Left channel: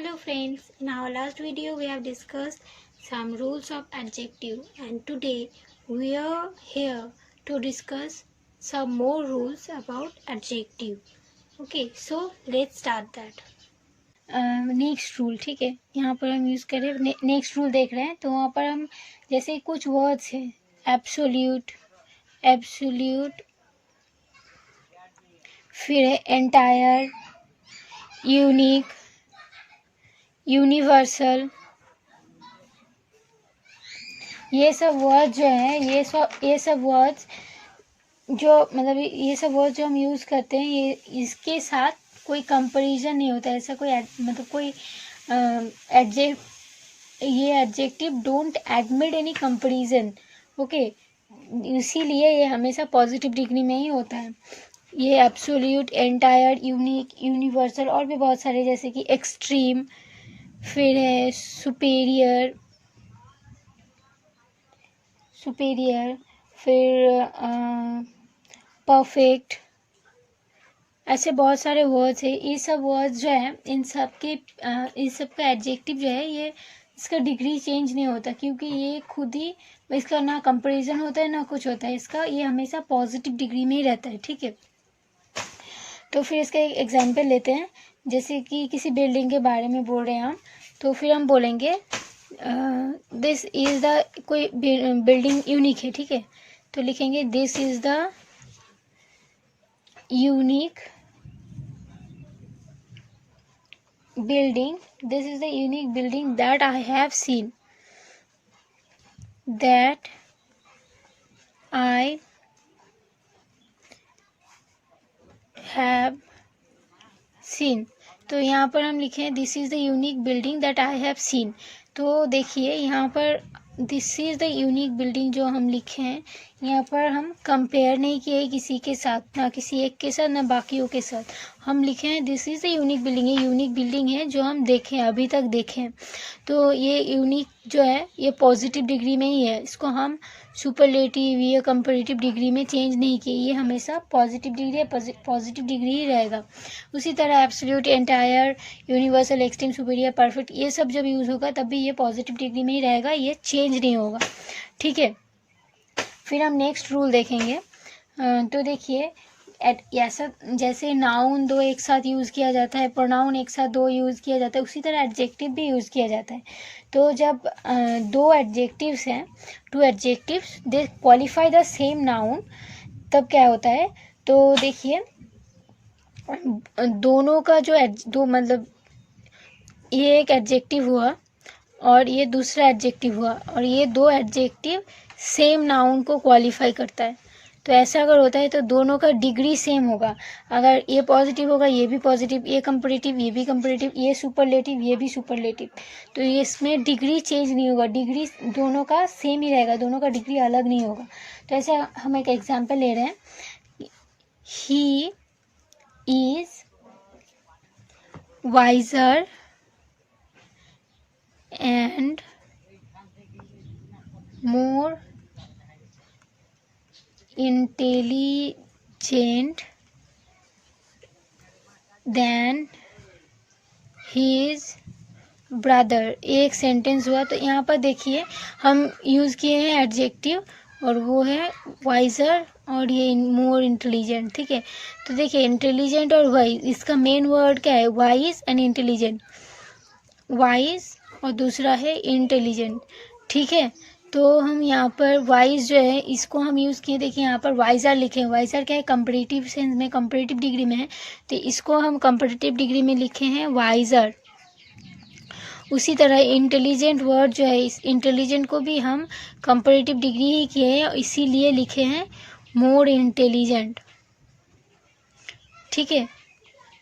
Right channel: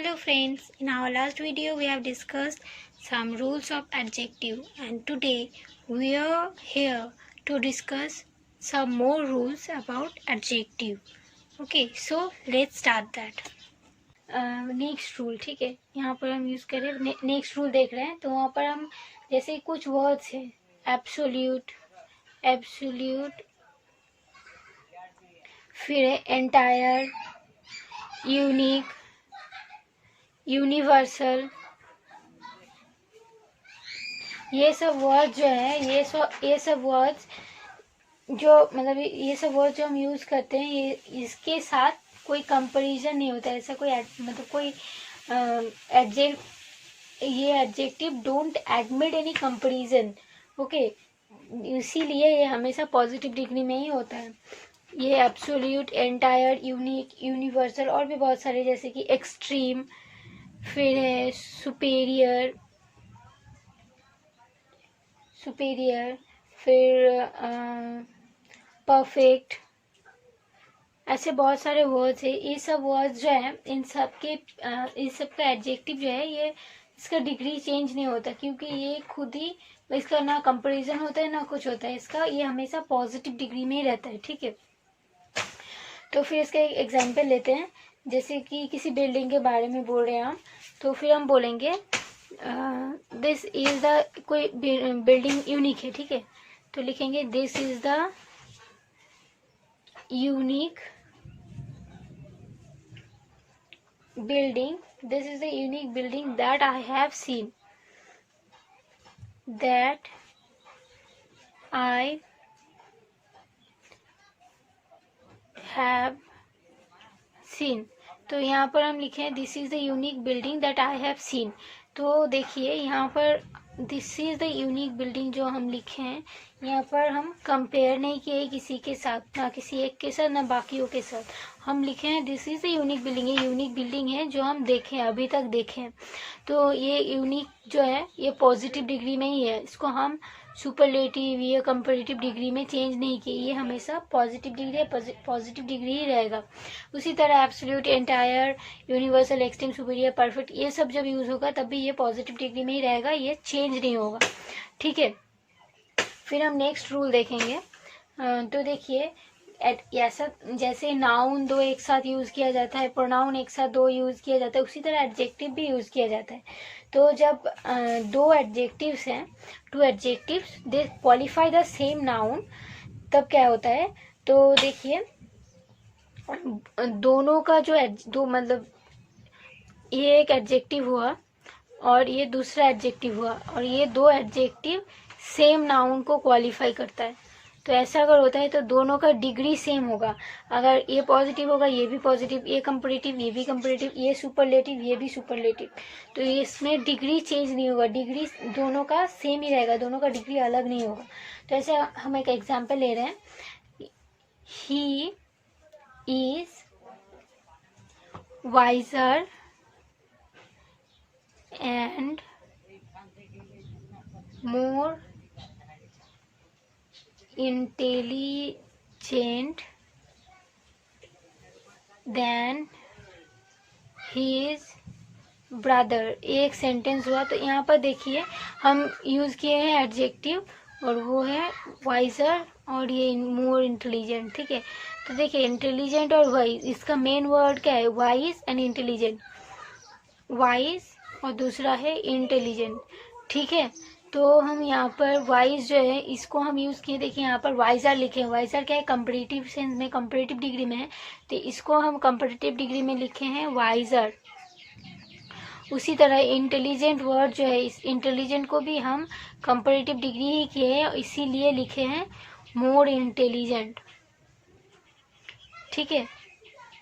Hello friends, in our last video we have discussed some rules of adjective and today we are here to discuss some more rules about adjective. Okay, so let's start that. Next rule, ठीक है, यहाँ पर हम use करें next rule देख रहे हैं तो वहाँ पर हम जैसे कुछ वर्ड्स हैं एब्सोल्यूट, एब्सोल्यूट, फिर है एंटायर, यूनिक, यूनिवर्सल, ये सब वर्ड जो है ये सब वर्ड्स जो मतलब ये सब वर्ड जो हम यूज़ करते हैं ये इसके साथ कोई कंपैरिजन नहीं होता है। ऐसा कोई मतलब कोई ये adjective don't admit any comparison. Okay, इसीलिए ये हमेशा पॉजिटिव डिग्री में ही होता है। ये एब्सोल्यूट, एंटायर, यूनिक, यूनिवर्सल और भी बहुत सारे जैसे कि एक्सट्रीम, फिर है सुपेरियर, फिर परफेक्ट, ऐसे बहुत सारे वर्ड्स हैं। ये सब वर्ड्स जो है इन सब का एडजेक्टिव जो है ये इसका डिग्री चेंज नहीं होता क्योंकि ये खुद ही इसका ना कंपैरिजन होता है ना कुछ होता है। इसका ये हमेशा पॉजिटिव डिग्री में ही रहता है, ठीक है। तो फिर इसका एक एग्जांपल लेते हैं। जैसे कि किसी बिल्डिंग के बारे में बोल रहे हैं हम, तो फिर हम बोलेंगे दिस इज द, कोई बिल्डिंग यूनिक है, ठीक है, तो लिखेंगे this is the unique building, this is the unique building that I have seen, that I have seen। तो यहाँ पर हम लिखे हैं this is the unique building that I have seen. तो देखिए यहाँ पर this is the unique building जो हम लिखे हैं यहाँ पर हम कंपेयर नहीं किए किसी के साथ, ना किसी एक के साथ ना बाकियों के साथ। हम लिखे हैं this is the unique building, ये यूनिक बिल्डिंग है जो हम देखें, अभी तक देखें। तो ये यूनिक जो है ये पॉजिटिव डिग्री में ही है, इसको हम सुपरलेटिव या कंपैरेटिव डिग्री में चेंज नहीं किए, ये हमेशा पॉजिटिव डिग्री पॉजिटिव डिग्री ही रहेगा। उसी तरह absolute, entire, universal, extreme, superior, perfect ये सब जब यूज़ होगा तब भी ये पॉजिटिव डिग्री में ही रहेगा, ये चेंज नहीं होगा, ठीक है। फिर हम नेक्स्ट रूल देखेंगे। तो देखिए ऐसा जैसे नाउन दो एक साथ यूज़ किया जाता है, प्रोनाउन एक साथ दो यूज़ किया जाता है, उसी तरह एडजेक्टिव भी यूज़ किया जाता है। तो जब दो एडजेक्टिव्स हैं, two adjectives they qualify the same noun, तब क्या होता है, तो देखिए दोनों का जो दो मतलब ये एक एडजेक्टिव हुआ और ये दूसरा एडजेक्टिव हुआ और ये दो एडजेक्टिव सेम नाउन को क्वालिफाई करता है। तो ऐसा अगर होता है तो दोनों का डिग्री सेम होगा। अगर ये पॉजिटिव होगा ये भी पॉजिटिव, ये कंपैरेटिव ये भी कंपैरेटिव, ये सुपरलेटिव ये भी सुपरलेटिव, तो ये इसमें डिग्री चेंज नहीं होगा, डिग्री दोनों का सेम ही रहेगा, दोनों का डिग्री अलग नहीं होगा। तो ऐसे हम एक एग्जाम्पल ले रहे हैं, he is wiser and more intelligent than his brother। एक सेंटेंस हुआ। तो यहाँ पर देखिए हम यूज़ किए हैं एडजेक्टिव और वो है वाइजर और ये मोर इंटेलिजेंट, ठीक है। तो देखिए इंटेलिजेंट और वाइज, इसका मेन वर्ड क्या है, वाइज एंड इंटेलिजेंट, वाइज और दूसरा है इंटेलिजेंट, ठीक है। तो हम यहाँ पर वाइज जो है इसको हम यूज़ किए, देखिए यहाँ पर वाइजर लिखे हैं। वाइजर क्या है, कंपैरेटिव सेंस में, कंपैरेटिव डिग्री में है, तो इसको हम कंपैरेटिव डिग्री में लिखे हैं वाइजर। उसी तरह इंटेलिजेंट वर्ड जो है, इस इंटेलिजेंट को भी हम कंपैरेटिव डिग्री ही किए हैं, इसीलिए लिखे हैं मोर इंटेलिजेंट, ठीक है,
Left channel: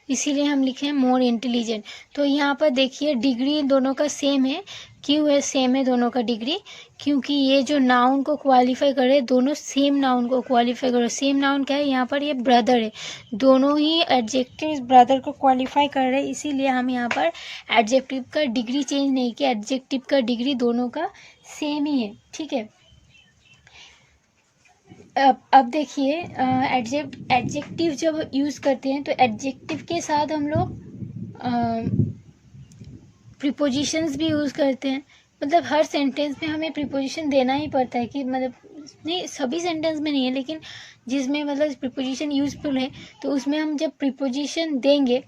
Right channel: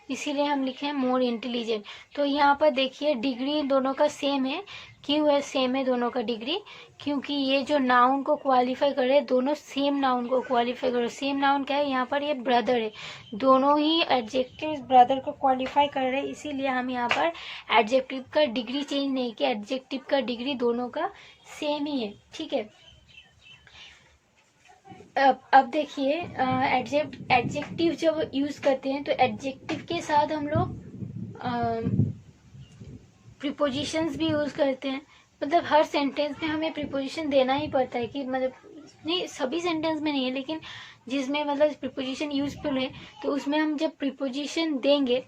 इसीलिए हम लिखे हैं मोर इंटेलिजेंट। तो यहाँ पर देखिए डिग्री दोनों का सेम है। क्यों है सेम है दोनों का डिग्री, क्योंकि ये जो नाउन को क्वालिफाई कर रहे हैं दोनों सेम नाउन को क्वालिफाई कर रहे हैं। सेम नाउन क्या है, यहाँ पर ये ब्रदर है, दोनों ही एडजेक्टिव ब्रदर को क्वालिफाई कर रहे हैं, इसीलिए हम यहाँ पर एडजेक्टिव का डिग्री चेंज नहीं किया, एडजेक्टिव का डिग्री दोनों का सेम ही है, ठीक है। अब देखिए एडजेक्टिव जब यूज़ करते हैं तो एडजेक्टिव के साथ हम लोग प्रीपोजिशंस भी यूज़ करते हैं, मतलब हर सेंटेंस में हमें प्रीपोजिशन देना ही पड़ता है कि मतलब नहीं, सभी सेंटेंस में नहीं है, लेकिन जिसमें मतलब प्रीपोजिशन यूजफुल है तो उसमें हम जब प्रीपोजिशन देंगे,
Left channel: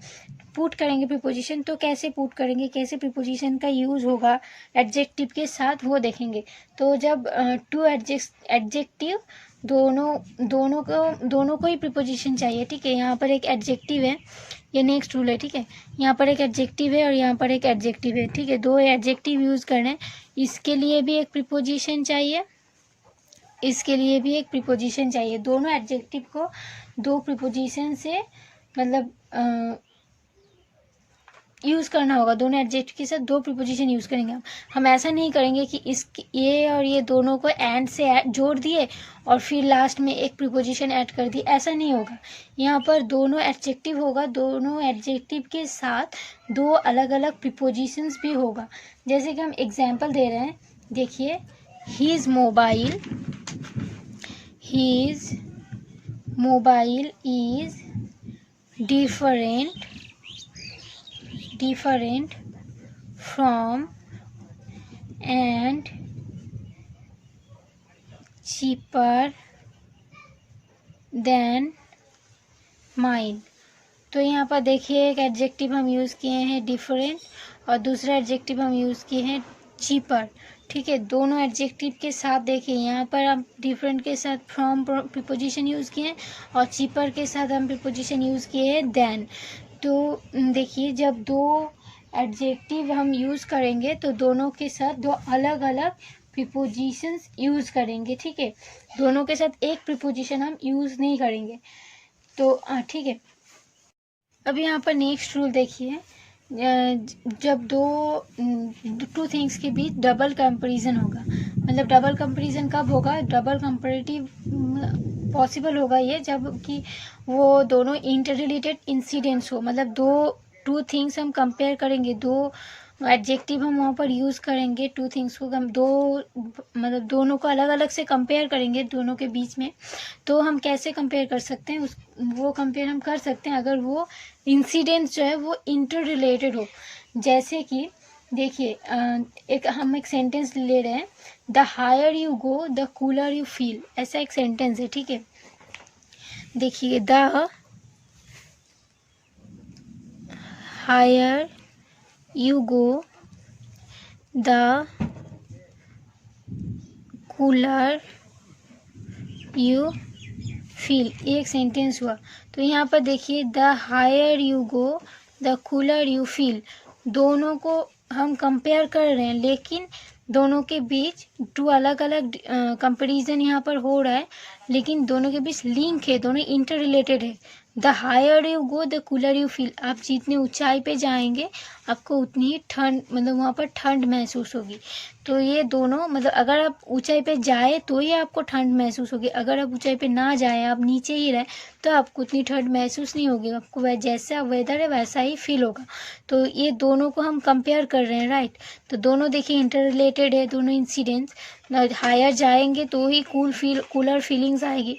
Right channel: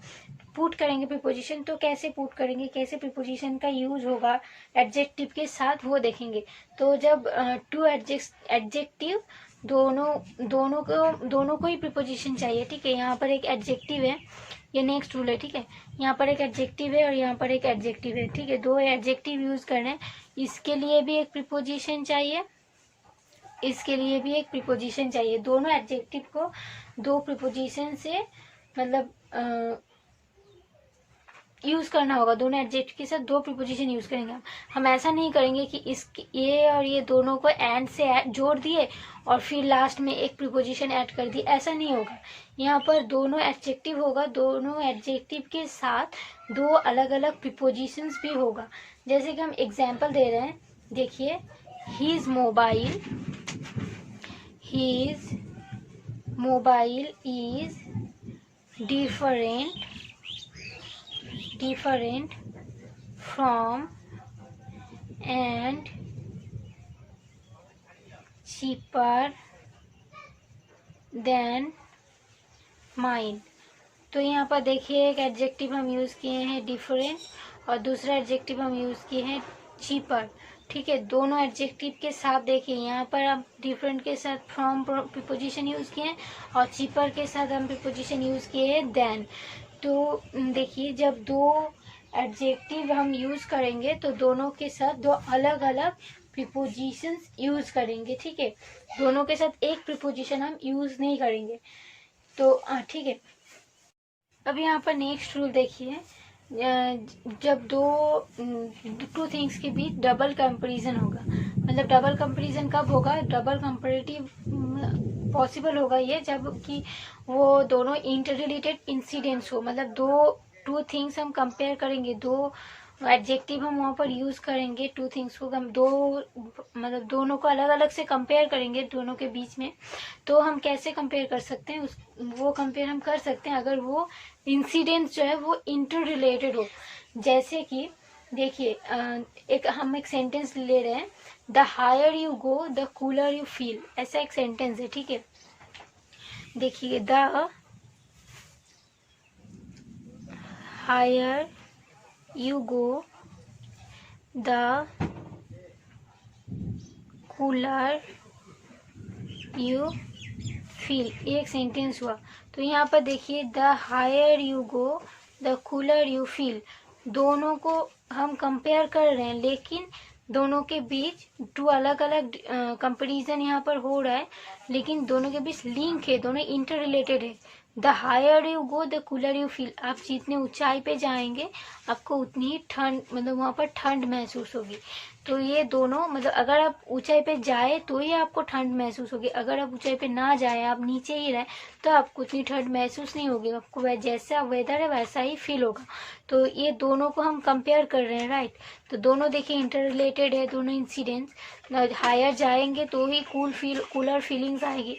पुट करेंगे प्रीपोजिशन, तो कैसे पुट करेंगे, कैसे प्रीपोजिशन का यूज़ होगा एडजेक्टिव के साथ, वो देखेंगे। तो जब टू एडजेक्टिव दोनों को ही प्रीपोजिशन चाहिए, ठीक है। यहाँ पर एक एडजेक्टिव है, ये नेक्स्ट रूल है, ठीक है। यहाँ पर एक एडजेक्टिव है और यहाँ पर एक एडजेक्टिव है, ठीक है। दो एडजेक्टिव यूज़ करने हैं, इसके लिए भी एक प्रीपोजिशन चाहिए, इसके लिए भी एक प्रीपोजिशन चाहिए। दोनों एडजेक्टिव को दो प्रीपोजिशन से मतलब यूज़ करना होगा। दोनों एडजेक्टिव के साथ दो प्रीपोजिशन यूज़ करेंगे हम ऐसा नहीं करेंगे कि इस ये और ये दोनों को एंड से जोड़ दिए और फिर लास्ट में एक प्रीपोजिशन ऐड कर दी, ऐसा नहीं होगा। यहाँ पर दोनों एडजेक्टिव होगा, दोनों एडजेक्टिव के साथ दो अलग अलग प्रीपोजिशंस भी होगा। जैसे कि हम एग्जाम्पल दे रहे हैं, देखिए, his mobile is different from and cheaper than mine। तो यहाँ पर देखिए, एक एडजेक्टिव हम यूज़ किए हैं डिफरेंट और दूसरा एडजेक्टिव हम यूज़ किए हैं चीपर, ठीक है। दोनों एडजेक्टिव के साथ देखिए, यहाँ पर हम डिफरेंट के साथ फ्रॉम प्रीपोजिशन यूज़ किए हैं और चीपर के साथ हम प्रीपोजिशन यूज़ किए हैं देन। तो देखिए, जब दो एडजेक्टिव हम यूज़ करेंगे तो दोनों के साथ दो अलग अलग प्रीपोजिशंस यूज़ करेंगे, ठीक है। दोनों के साथ एक प्रीपोजिशन हम यूज़ नहीं करेंगे। तो ठीक है। अब यहाँ पर नेक्स्ट रूल देखिए, जब टू थिंग्स के बीच डबल कंपैरिजन होगा, मतलब डबल कंपैरिजन कब होगा, डबल कंपैरेटिव पॉसिबल होगा ये जब कि वो दोनों इंटर रिलेटेड इंसिडेंट्स हो, मतलब टू थिंग्स हम कंपेयर करेंगे, दो एडजेक्टिव हम वहाँ पर यूज़ करेंगे, टू थिंग्स को हम मतलब दोनों को अलग अलग से कंपेयर करेंगे दोनों के बीच में। तो हम कैसे कंपेयर कर सकते हैं, वो कंपेयर हम कर सकते हैं अगर वो इंसिडेंट्स जो है वो इंटर रिलेटेड हो। जैसे कि देखिए, हम एक सेंटेंस ले रहे हैं, the higher you go the cooler you feel, ऐसा एक सेंटेंस है, ठीक है। देखिए, the higher you go the cooler you feel, ये एक सेंटेंस हुआ। तो यहाँ पर देखिए, the higher you go the cooler you feel, दोनों को हम कंपेयर कर रहे हैं, लेकिन दोनों के बीच टू अलग अलग कंपेरिजन यहाँ पर हो रहा है, लेकिन दोनों के बीच लिंक है, दोनों इंटर रिलेटेड है। The higher you go the cooler you feel, आप जितने ऊंचाई पे जाएंगे आपको उतनी ही ठंड, मतलब वहाँ पर ठंड महसूस होगी। तो ये दोनों, मतलब अगर आप ऊंचाई पे जाए तो ही आपको ठंड महसूस होगी, अगर आप ऊंचाई पे ना जाए, आप नीचे ही रहे, तो आपको उतनी ठंड महसूस नहीं होगी, आपको जैसा वेदर है वैसा ही फील होगा। तो ये दोनों को हम कंपेयर कर रहे हैं, राइट। तो दोनों देखिए इंटर रिलेटेड है, दोनों इंसिडेंट्स, हायर जाएंगे तो ही कूलर फीलिंग्स आएगी,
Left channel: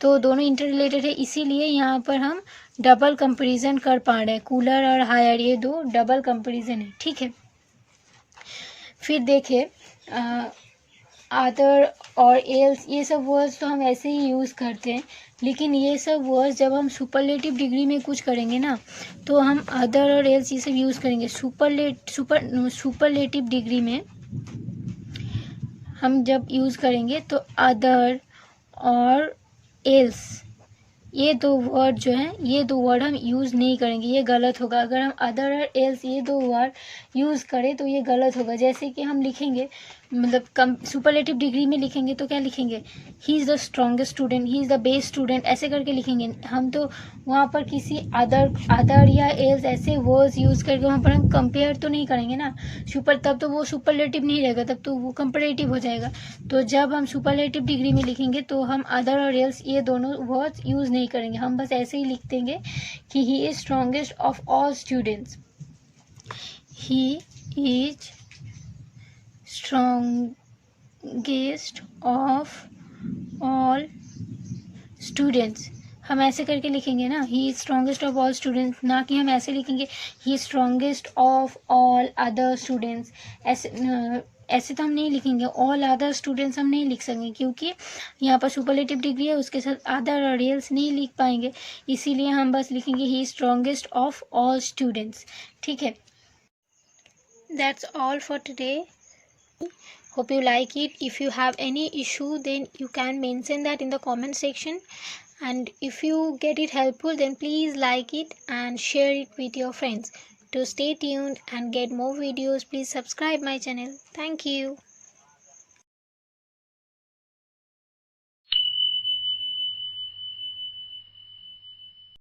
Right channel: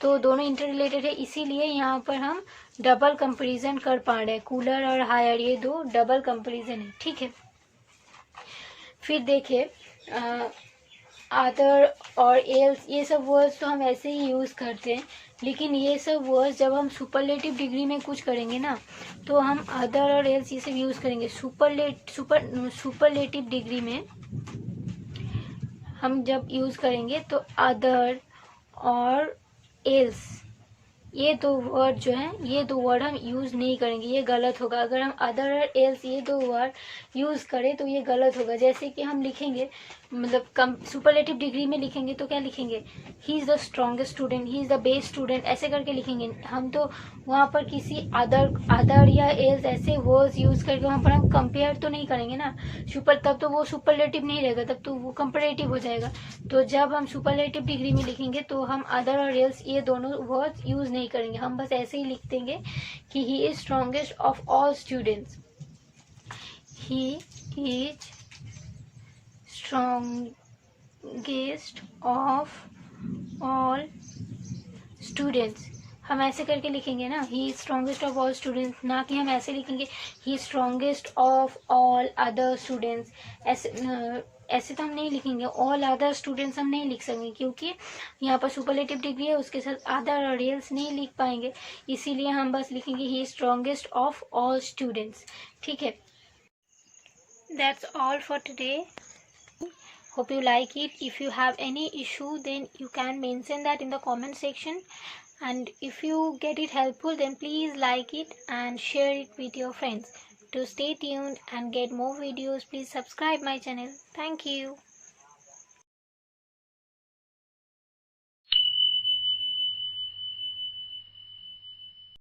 तो दोनों इंटर रिलेटेड है, इसीलिए यहाँ पर हम डबल कंपैरिजन कर पा रहे हैं। कूलर और हायर ये दो डबल कंपैरिजन है, ठीक है। फिर देखिए, अदर और एल्स, ये सब वर्ड्स तो हम ऐसे ही यूज़ करते हैं, लेकिन ये सब वर्ड्स जब हम सुपरलेटिव डिग्री में कुछ करेंगे ना, तो हम अदर और एल्स ये सब यूज़ करेंगे। सुपरलेटिव डिग्री में हम जब यूज़ करेंगे तो अदर और एल्स, ये दो वर्ड जो हैं, ये दो वर्ड हम यूज़ नहीं करेंगे, ये गलत होगा। अगर हम अदर और एल्स ये दो वर्ड यूज़ करें तो ये गलत होगा। जैसे कि हम लिखेंगे, मतलब सुपरलेटिव डिग्री में लिखेंगे तो क्या लिखेंगे, he is the strongest student, he is the best student, ऐसे करके लिखेंगे हम। तो वहाँ पर किसी अदर या एल्स ऐसे वर्ड्स यूज़ करके वहाँ पर हम कंपेयर तो नहीं करेंगे ना, तब तो वो सुपरलेटिव नहीं रहेगा, तब तो वो कंपैरेटिव हो जाएगा। तो जब हम सुपरलेटिव डिग्री में लिखेंगे तो हम अदर और एल्स ये दोनों वर्ड्स यूज़ नहीं करेंगे, हम बस ऐसे ही लिख देंगे कि he is strongest of all students, he is strongest of all students। हम ऐसे करके लिखेंगे ना, he is strongest of all students, ना कि हम ऐसे लिखेंगे he is strongest of all other students. ऐसे तो हम नहीं लिखेंगे, ऑल अदर स्टूडेंट्स हम नहीं लिख सकेंगे क्योंकि यहाँ पर सुपरलेटिव डिग्री है, उसके साथ अदर और एल्स नहीं लिख पाएंगे, इसीलिए हम बस लिखेंगे he is strongest of all students. ठीक है, that's all for today. Hope you like it. If you have any issue, then you can mention that in the comment section. And if you get it helpful, then please like it and share it with your friends. To stay tuned and get more videos, please subscribe my channel. Thank you.